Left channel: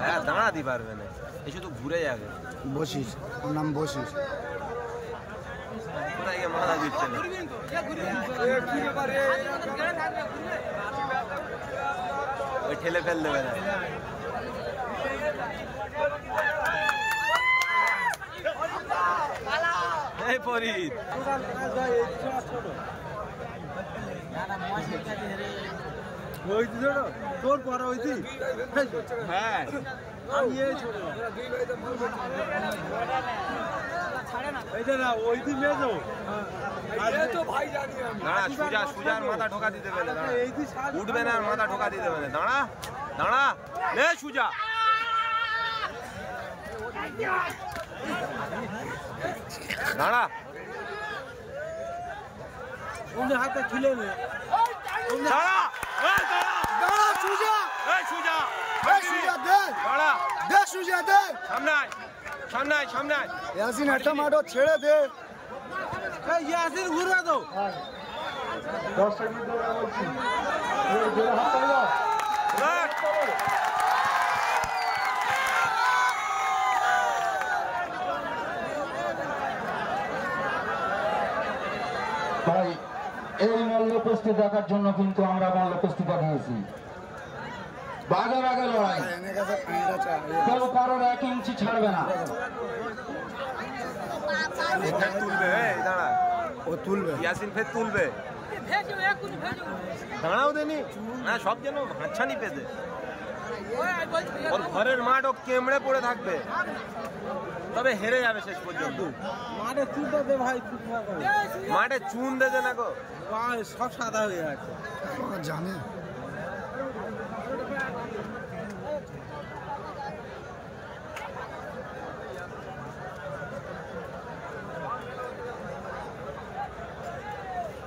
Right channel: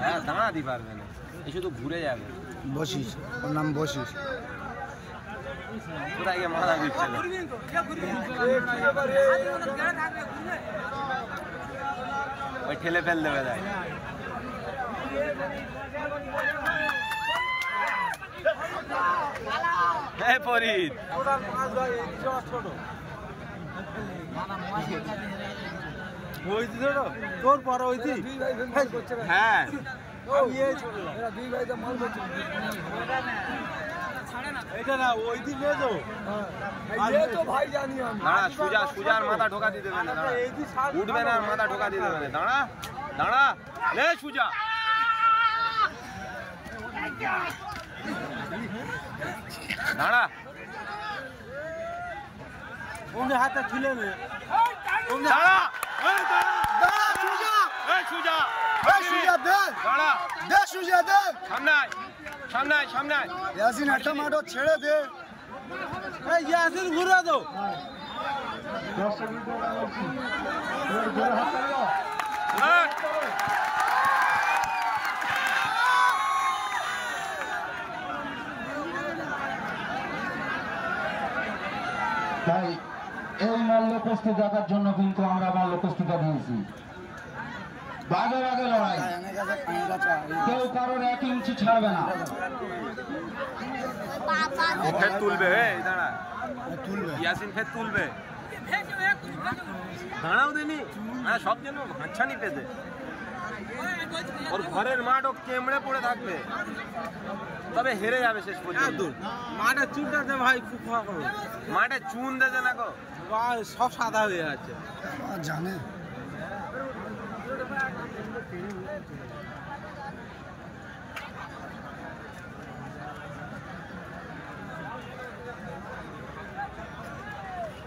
হ্যাঁ দাঁড়াতে পারবে না, এই শুধু ঘুরে যাবে। বসিস, ওর নাম বসিস। কোথায় গিয়ে মাথা দিচ্ছে না, ওই ঠেলে ফেল দেবে না। ফরিদ তোর পরে হয়েছি। হ্যাঁ এইটা না ওই দিন মেজো সুজার মাথা ঢোকা দিতে দেবে না, উঠবে না, মাথা ঢোকা দিতে দেবে না। দাঁড়া দাঁড়া নে সুজা, দাঁড়া ওমনি হাতে খিলে নে, দাঁড়া দাঁড়া সুজা, সুজা সুজা দে, দাঁড়া দে সুজা দে, সামনে সামনে সামনে ইয়াসিন একটা মাঠো ছেড়ে দে, এই ইয়াসিন ঘুরে দাও। তাই এই মল্লকুস্তি দেখার জন্য কিন্তু আমরা মল্লকুস্তিটা দিয়েছি। বাগে বাগে লড়াই, কেউ কারোর 1 ইঞ্চি ছাড়বে না। ফের তুলবে, দাঁড়া ও তুলবে, ইয়াসিন ফের তুলবে, দাঁড়াও দেনি না, সব যেন হাতছানি পেতে। ওর ঘরের মাঠ ও কেমড়ে পড়ে থাকবে, তবে হেরে যাবে শেষ পর্যন্ত। মাঠে চুনটা দে ভাই, মাঠে চুন দেবে না গো, সব সাদা হয়ে যাচ্ছে জানে।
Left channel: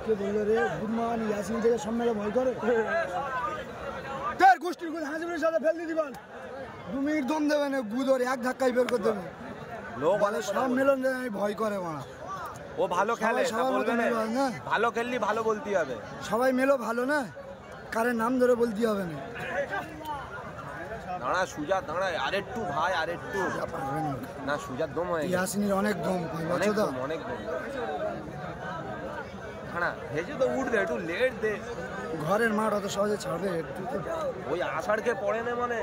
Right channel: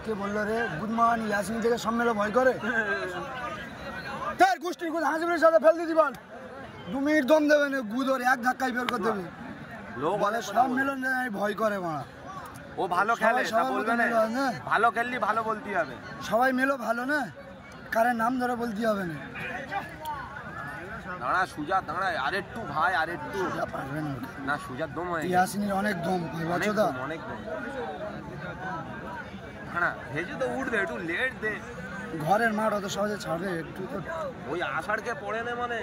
কে বললো রে বুধমান ইয়াসিন থেকে সম্মেলন ভয় করে? তার গোষ্ঠীর গুদ হাসিবের সাথে ফেল দিতে পার, 2 মিনিট দম দেবে না, গুদ ওর এক ধাক্কায় বের করে দেবে। লোক বলে সম্মেলন ভয় করে মারা, ও ভালো খেলে, ভালো খেললি ভালো বলতে হবে। সবাই মেলো ভালো না, কারে নাম ধরে বলতে হবে না। দাঁড়া সুজা, দাঁড়া আরেকটু ভাই, আরেকটু পারবেন না, সুজার দম হয়ে ইয়াসিনের অনেক দম, অনেক দম, অনেক দম। না ভেজে তো উঠবে, একটু লেট দে, ঘরের মাঠ অত সহজে ছাড়বে একটু, ওই আষাঢ়কে পড়ে নে, মানে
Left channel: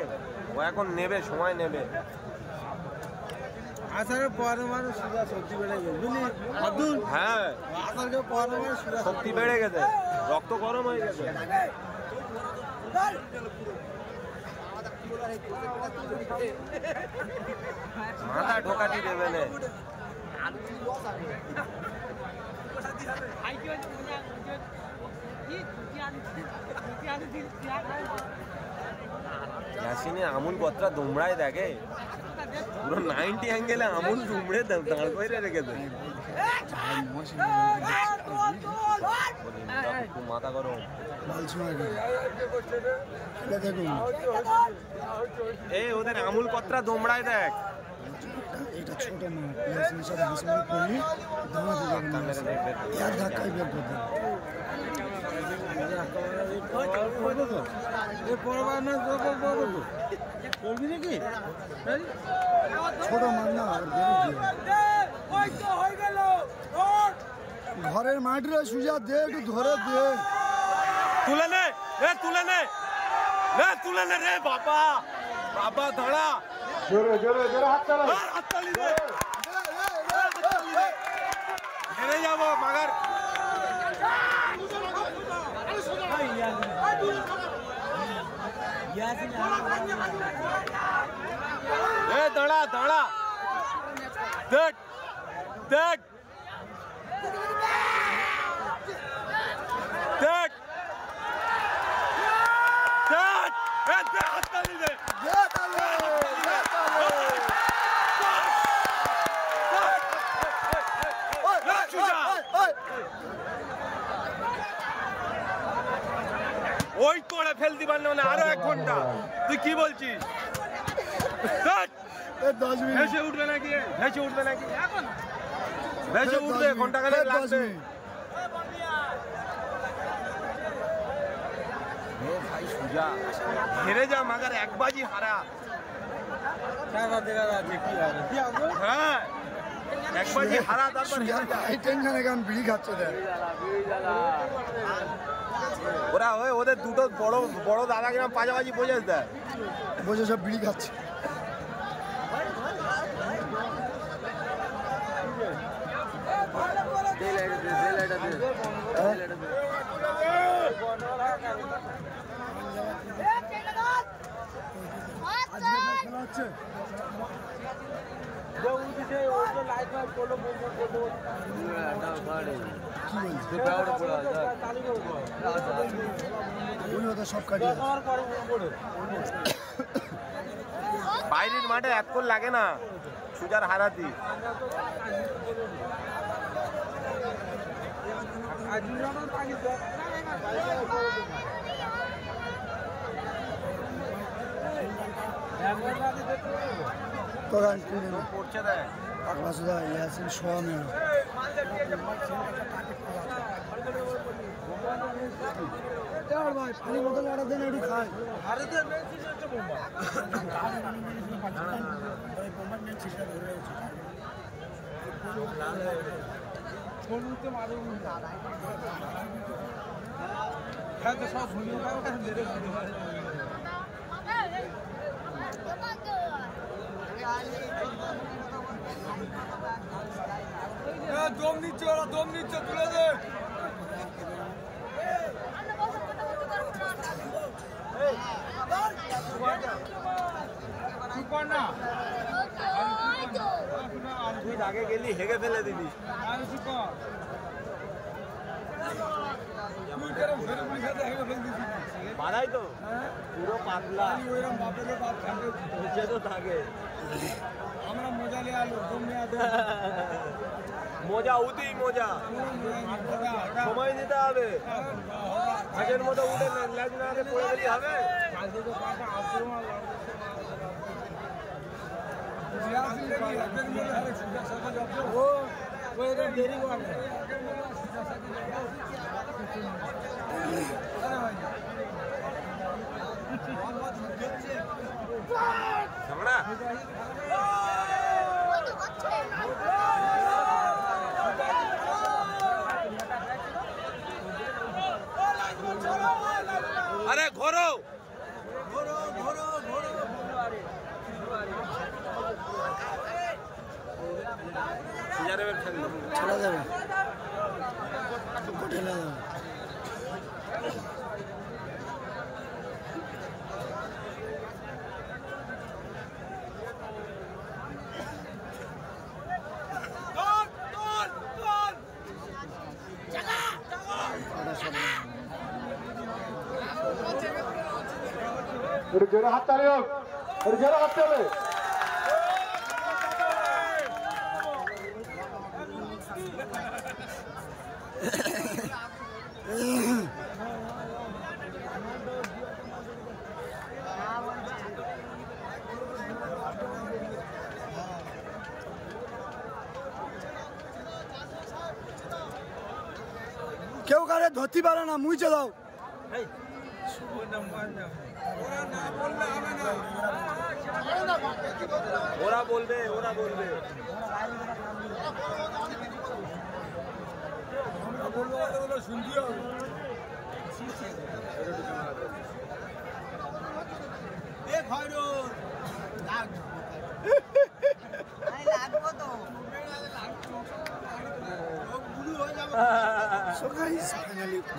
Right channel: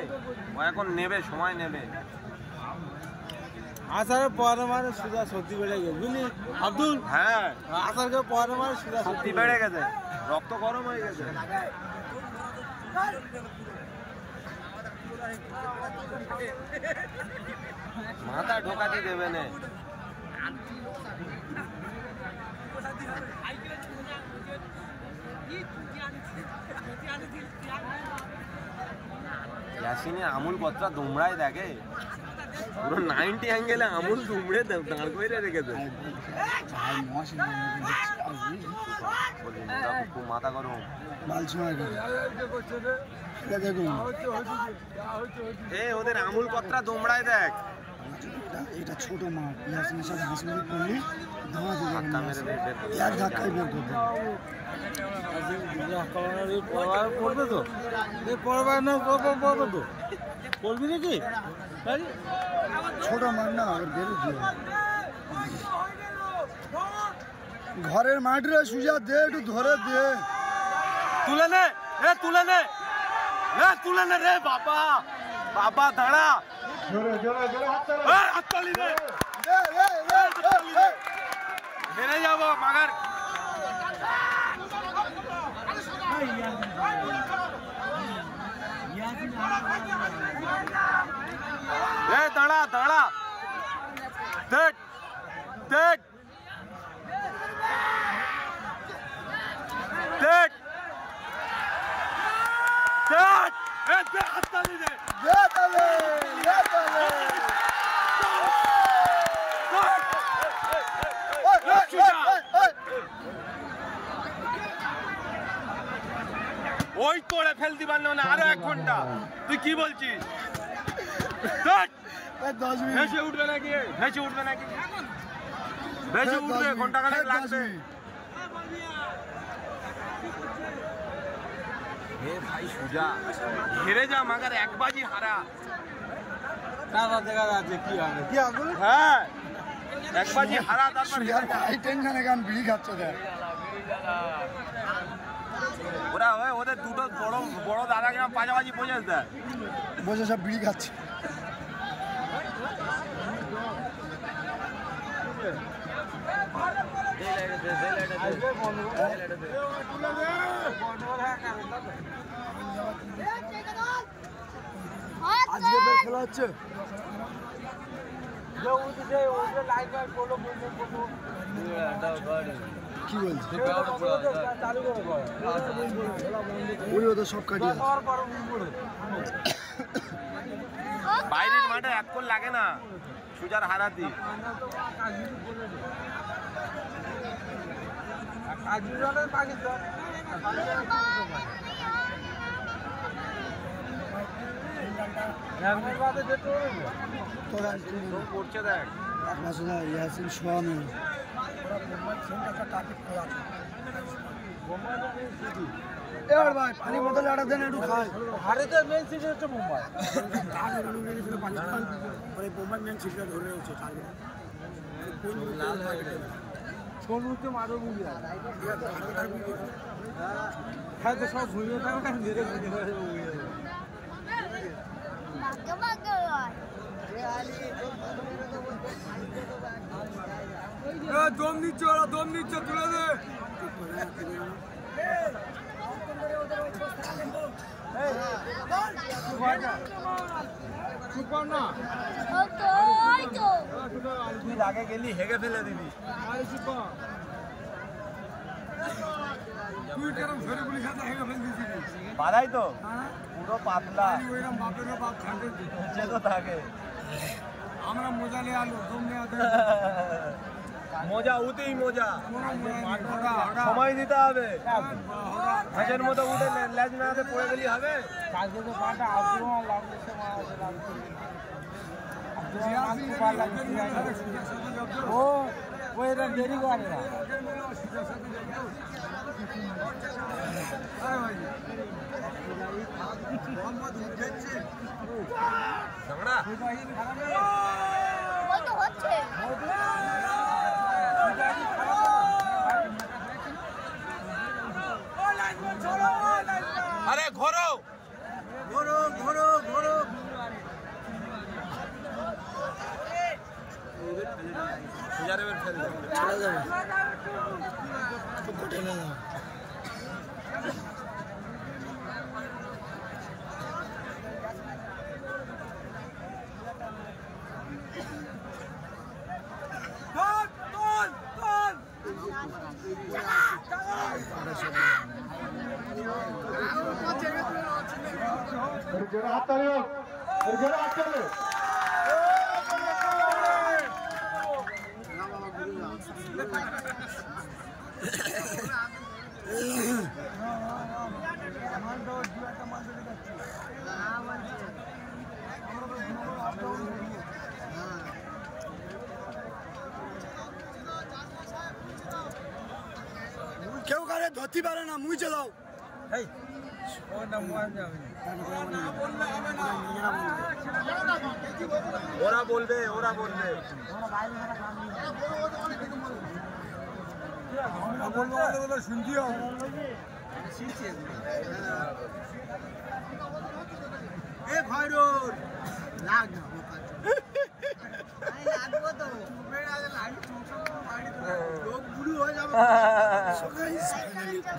ও এখন নেবে, সময় নেবে। আষাঢ়ের পরে মানে সুজা শক্তি বেড়ে গেছে, বুঝলি আব্দুল? হ্যাঁ আষাঢ়ের পরে মানে সুজা শক্তি বেড়ে গেছে, রক্ত গরম হয়ে গেছে। মাথা ঢোকাতে দেবে না। ইয়াসিনে আমুল কতটা দুমড়ায় দেখে, পুরো 90 অ্যাঙ্গেলে আমুল দুমড়ে দাঁড় করে রেখেছে। খুব মাথা গরম, ওদের আমুল কতটা দুমড়ায় দেখ। এটা ছোট মাঠ, ইয়াসিনের সাথে হাসিমারি করলি ধামা দিবে, এক ধাক্কায় বের করে দেবে। করবে তো পরবার না, করবে তো, করবি নাকি? ছোট মাঠ না, ঘরের মাঠ রে সুজা দে, একটু ধরে দে, তুলে নে, তুলে নে, তুলে নে রে বাবা, বাবা দাঁড়া, জোরে জোরে জোরে হাততালি দে, হেরে যাবো মাগার। দাঁড়া দাঁড়া, দেখ দেখ দেখ দেখ, হাততালি দে, ওই করে ফেলতে পারলে মানে আরো 1 ঘন্টা। তুই কি বলছিস? 10 মিনিট ভেসে উঠবে নাকি? ভেসে উঠবে নাকি? ভেসে উঠবে, ঘন্টা খানেক লাগবে। ভাই সুজা হেরে যা, মাগার 1 বাজি হারা। দেখা যাচ্ছে কি হবে। হ্যাঁ 1 বাজি হারা, তারপর টেনশনে গান বিড়ি খাচ্ছে দেখ। ওরা ওদের দুটো বড় বড় দাদা কিনা পাজাবাজি বোঝাস দেয়, বসে সব বিড়ি খাচ্ছে। আজকে খেলা হচ্ছে কি বলছি? ওই ওদের সব কাটিয়ে বাইরের মাঠে 1 গোল লাগে না সুজার হারাতি। পড়ছে দেখ ইয়াসিন সোয়ামে ভাই পানি বোতল আটা দেন একটু খাই। ভারতের মেন সিটি হচ্ছে মুম্বাই। দম নিচ্ছে, ওরা দম নিচ্ছে, তুলে দে। আগে গেলি হেগে ফেলে দিবি। তুই কেরম ফেরে গুলি খাতে হেগে ফেলে দিবি? বাদাই তো পুরো পাতলা, তো থাকে। আমরা মজা নিয়ে আলো, মজা উঠেই মজা, সময় দিতে হবে। হাঁসের মতো উঠে ল্যাজ না পড়ে গেলি হবে। দেরি করে না। আরে ঘোরো ঘোরো ঘোরো ঘোরো। সুজারে ফেললো চলে যাবে ঠেলে যাবে। জোরে হাত তালি হোক, জোরে হাত তালি। কেউ কারে ধরতে পারে না, মুইছে দাও। ওরা বলবে, ওরা বলবে। শুনতে হবে। এ খয়রুল লাগবো তো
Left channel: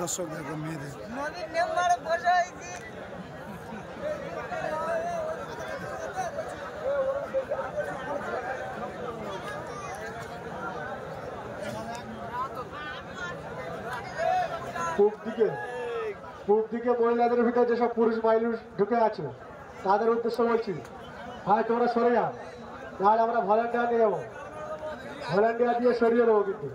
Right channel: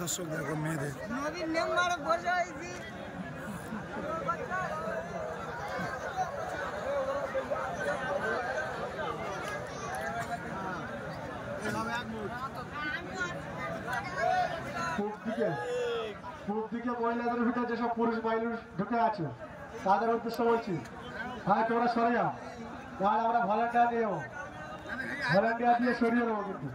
দর্শক দেখো মেয়েদের নবীন মেম্বারে বসে হয়েছি। পূর্ব দিকে মহিলাদের ভিতরে যেসব পুরুষ মানুষ ঢুকে আছে তাদের উদ্দেশ্য বলছি, ভাই তোমরা সরে যাও, তাহলে আমরা ভলেন্টিয়ার নিয়ে যাবো, ভলেন্টিয়ার দিয়ে সরিয়ে দেবো। কিন্তু